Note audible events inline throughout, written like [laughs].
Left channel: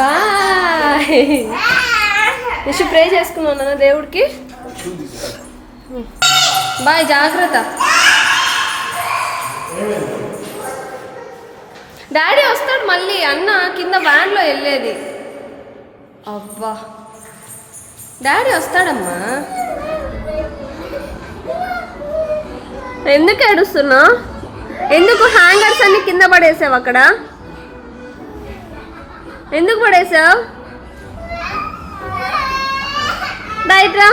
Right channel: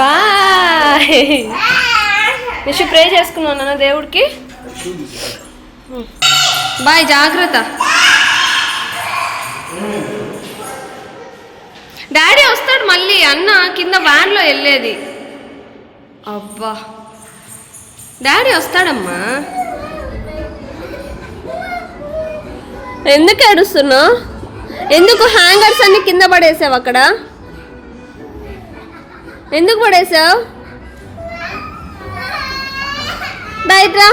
Bye Nishu pray చేసుకున్నావు నాన్న దేవుడికి. బాయ్ జాగ్రత్త. డాడీ వస్తాడు మళ్ళీ అన్న కింద వ్యాన్లో వెళ్ళేది. అబ్బా డాడీ వస్తాడమ్మా. ఎందుకు ఏడుస్తున్నావు? ఎందుకు హ్యాంగర్స్ అన్ని కింద పడేసావు అక్కడ? ఎందుకు పడేసావు? డైట్రా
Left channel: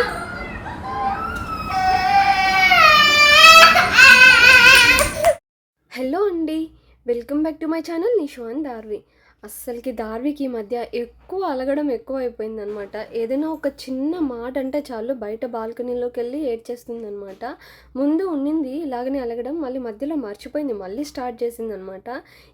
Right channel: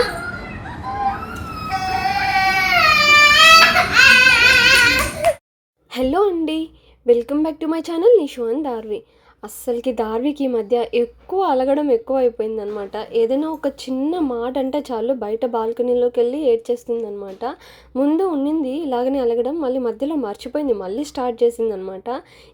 హలో అండి welcome back to my channel Nishon Darvi. అస్సలకి దార్వికి ఈ మధ్య ఎక్కువ అలగడం ఎక్కువ అయిపోయింది అనమాట ఏదైనా ఒక చిన్న మాట అంటే చాలు బయట బాల్కనీలోకి వెళ్ళి ఏడ్చేస్తుంది అనమాట ముందు ఉండింది ఇలాగనే అలగడం మళ్ళీ మధ్యలో మర్చిపోయింది మళ్ళీ స్టార్ట్ చేసింది అనమాట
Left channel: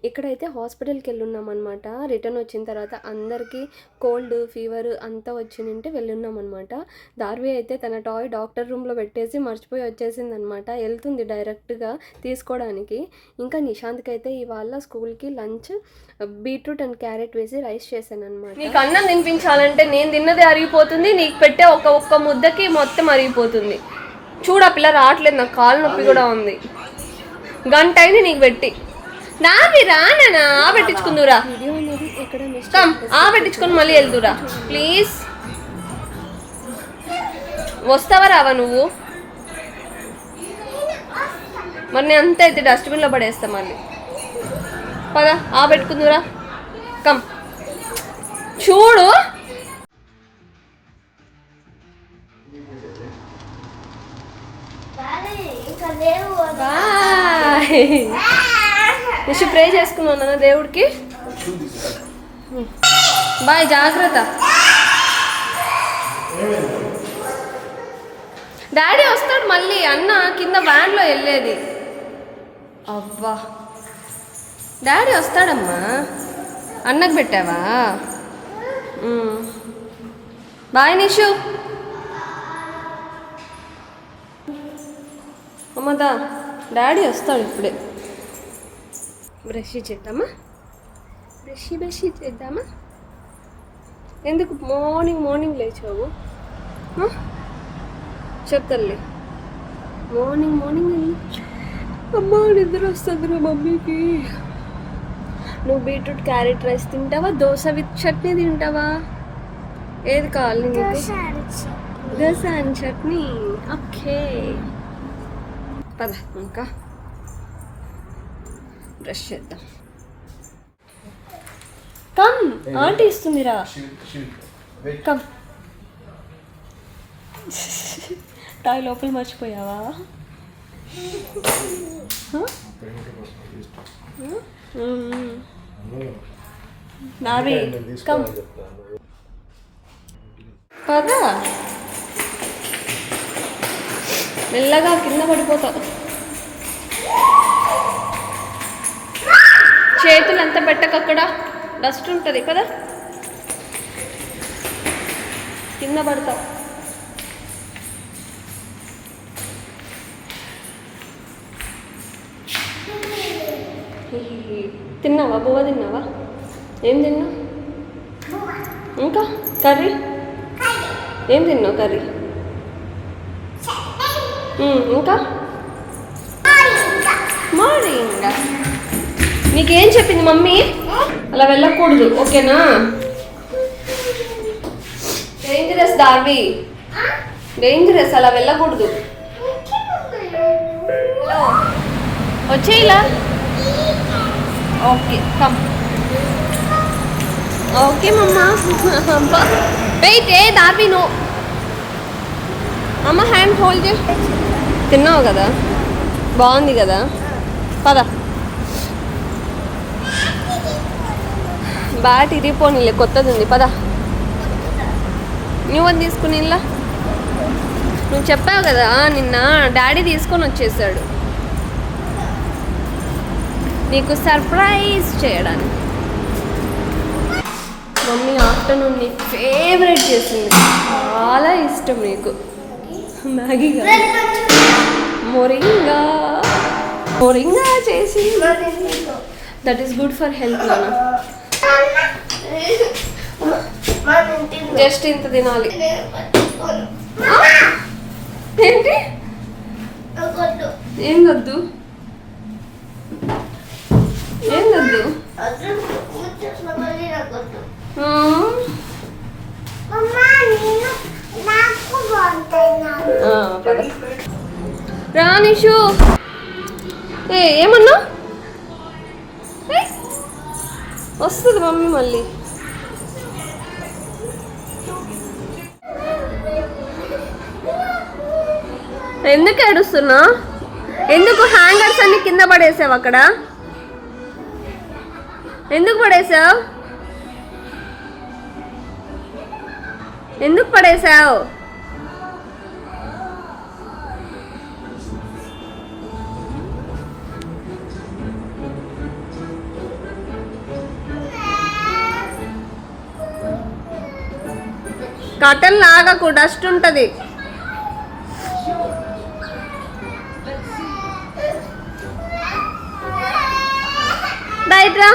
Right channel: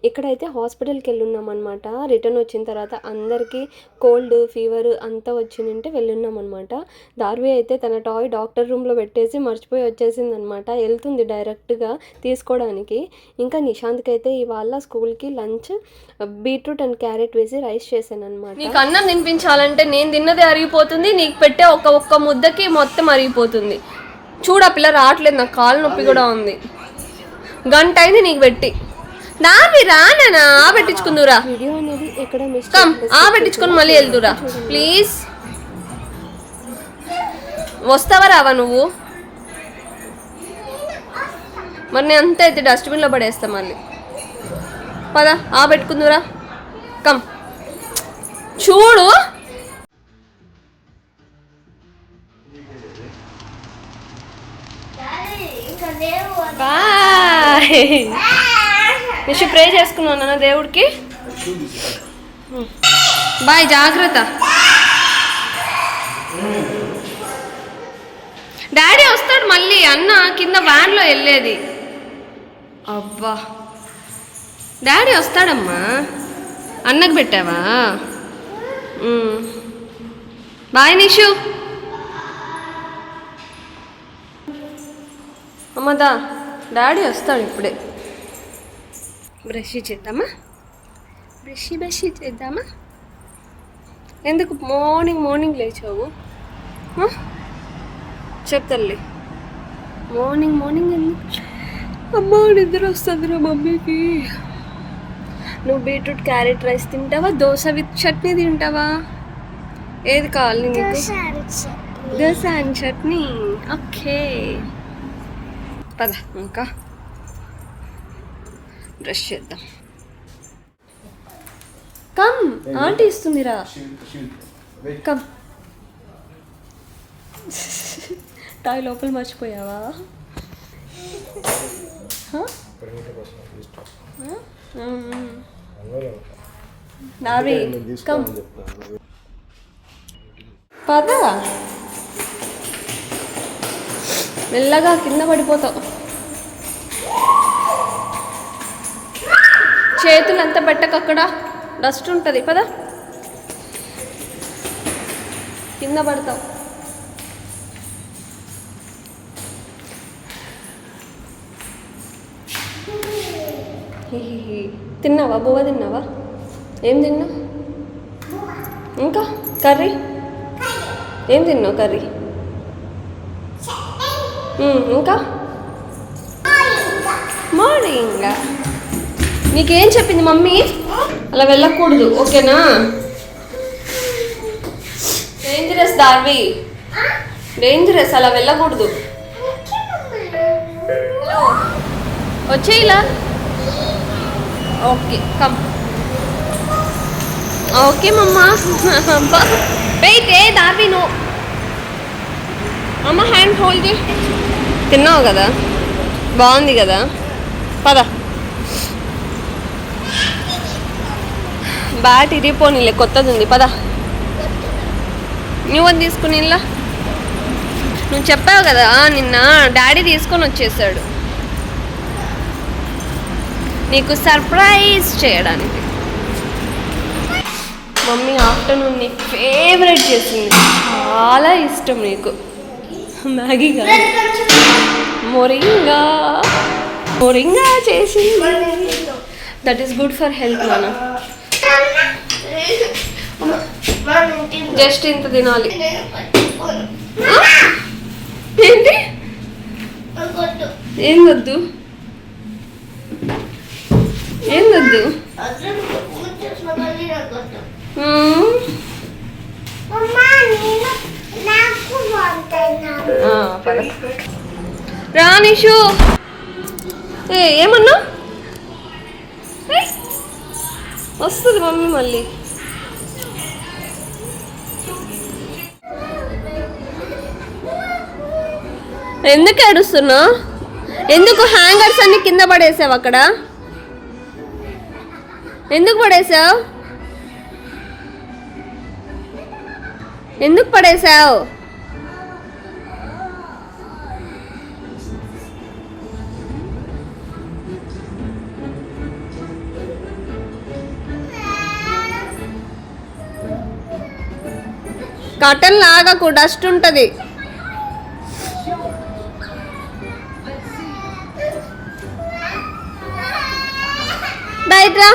ఇక్కడైతే హాస్పిటల్కి వెళ్ళున్నామన్నమాట రిటర్న్ వచ్చిన తర్వాత అందరికీ కోల్డ్ ఫీవర్ అంతా వచ్చిందంటే వెళ్ళున్నామన్నమాట దార్వి అయితే తన టాయ్ డాక్టర్ రూమ్లో పెట్టేసి మర్చిపోయి వచ్చేసింది అనమాట వెళ్తుంది డైరెక్ట్గా తీసుకోవడానికి. ఇంకా నిశాంత్కి అయితే ఇవాళ స్కూల్కి లంచ్ బీట్రూట్ అండ్ క్యారెట్ వేసి రైస్ చేశాను అనమాట నీకు అన్నం తినిపించాలంటే నేను తిన్నది అరిగిపోతుంది నీకు పెట్టే ఒక ఒక్క ముద్దకి మొత్తం అరిగిపోతుంది. చూడ పిల్ల రావట్లేదు నాకు కాలు నొప్పి కూడా ఉంది. గంట అయింది నీకు పెట్టి. నావి రానా ఆ పెట్టించుకుందురా. కమ్ ఆ పెట్టించుకొని మళ్ళీ వెళ్దురా. ప్లీజ్. వస్తావా రావా నువ్వు? మరి నేను అంత అయితే డస్ట్బిన్లో పడేస్తా మళ్ళీ. పద ఆ పెట్టుకుందురా. కమ్. చూడు. బాయ్. నిషు ప్రే చేసుకున్నావు నాన్న దేవుడికి? బాయ్ జాగ్రత్త. డాడీ వస్తాడు మళ్ళీ అన్న కింద వ్యాన్లో వెళ్ళేది. అబ్బా డాడీ వస్తాడమ్మా. అన్నకు పెట్టావా? బాయ్ నిషు. అమ్మదా డాడీ వస్తాడు ఇప్పుడే. బ్రష్ చేద్దామా? బ్రష్ బ్రష్ చేద్దామా? ఎందుకు మార్నింగ్ మార్నింగ్ లేచావు? ఆ? మార్నింగ్ మార్నింగ్ వెళ్ళి అమ్మ నిద్ర వస్తుంది మమ్మీకి. నువ్వు బీట్రూట్ క్యారెట్ రైస్ తింటావా? దోశ విత్ చట్నీ తింటావా? ఏది కావాలి నీకు? దోశ అండ్ చట్నీ. ఓకే. పద ఇంకా. బ్రష్ చేద్దాం. కమ్ ఆంటీ ఇస్తుందిరా కమ్ టాయ్ లోపల మర్చిపోయావా? [laughs] హ? హ? నావి కమ్. పద. మెల్లగా కింద పడిపోతావు. చేతులు అంతా పెట్టకు అక్కడ? డస్ట్ ఉంటుంది. పదా. కింద పడతావు. తిన్నావా? బువ్వ తిన్నావా? ఏం తిన్నావు? ఇంకా? కర్రీ? ఏం తిన్నావు కర్రీ? ఇంకా? మార్నింగ్. నీకేం చెప్పింది మమ్మీ? అలా వెళ్ళకూడదు ఓకేనా? డేంజరస్ దార్వి డేంజరస్ అలా వెళ్ళకూడదు. Hello వచ్చేయిలా okay come okay mamma wait ఏ దార్వి నో అమ్మ హ్యాండ్ హోల్డ్ చే తిన్నావు కదా? బాగుంది కదా? పద. బ్యాట్ ఇరిగిపోనిలే కొత్తది ఉంది పద. నువ్వు తీసుకుని ఇలా నువ్వు చెప్పావు కదా నిన్న డాడీ తీసుకొని వచ్చేసాడు. నీకు సర్ప్రైజ్ చేయడానికి. మమ్మీ ఆఫ్టర్నూన్ నీకు ఫేవరెట్ చేసింది. చాలా ఇష్టం నీకు. మ్యాగీ కాదు. మొరింగా. మొరింగా చేసింది. That is good for health నాన్న. జస్ట్ ఇంత తినాలి? ఏంటి? ఏం వద్దు? ఏం వద్దు మ్మ్. ఆ, పద. రా నిషు. ఏ ఏమన్నా. వస్తుంది మమ్మీ మళ్ళీ. ఎందుకు ఏడుస్తున్నావు ఎందుకు హ్యాంగర్స్ అన్ని కింద పడేసావు అక్కడ? ఎందుకు పడేసావు ఎందుకు పడేసావు కటన్ లాగకు డస్ట్ ఉంటుంది. డైట్రా